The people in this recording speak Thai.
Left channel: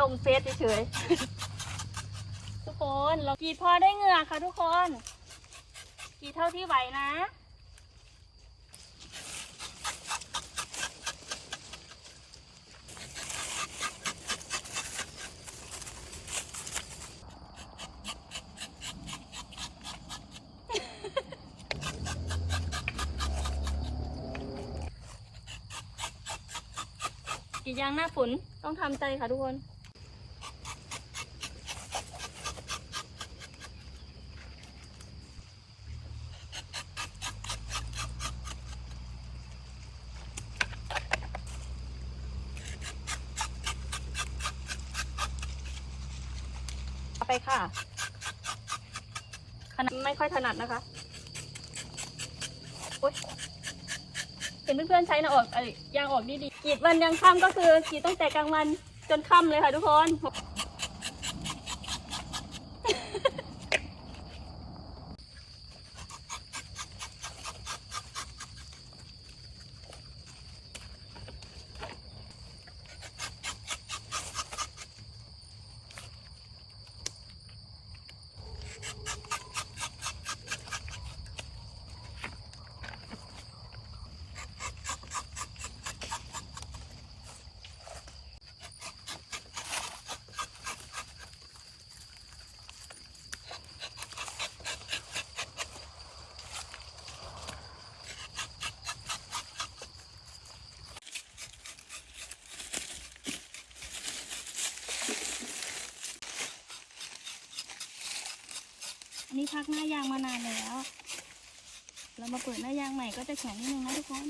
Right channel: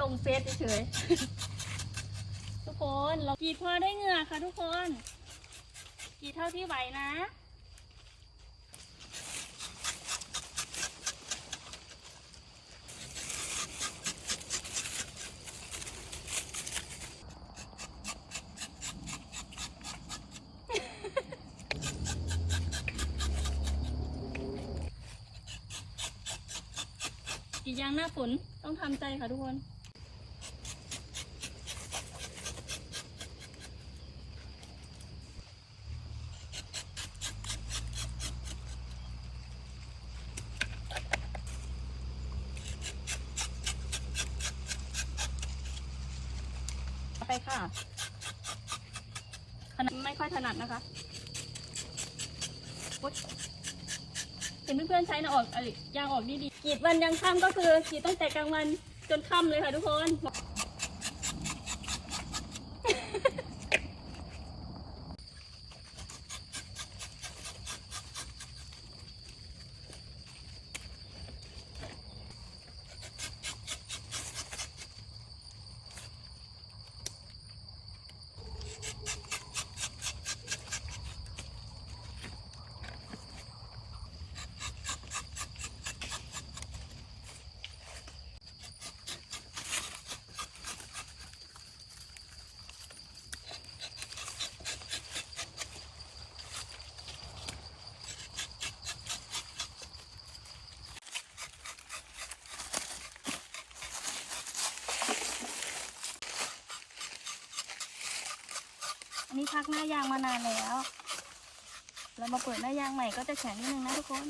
ลงเฟซเฉยๆทุกคนเรากรีดพอได้เหงื่อค่ะทุกคนกรีดเท่าที่ไหวนะกรีดยางหน้าฝนต้องทำใจค่ะทุกคน ไปค่ะขนาดไม่ค่อยถนัดนะคะเห็นเพื่อนๆใช้นะออกเอ้ยยางออกดีๆกรีดวันยังค่ำก็คือกรีดตั้งแต่กลางวันจนค่ำเลยค่ะทุกคน นี้พักหน้ายางมานานแล้ว เรามาเปิดหน้ายางใหม่ก็จะแข็งนิดนึงนะทุกคน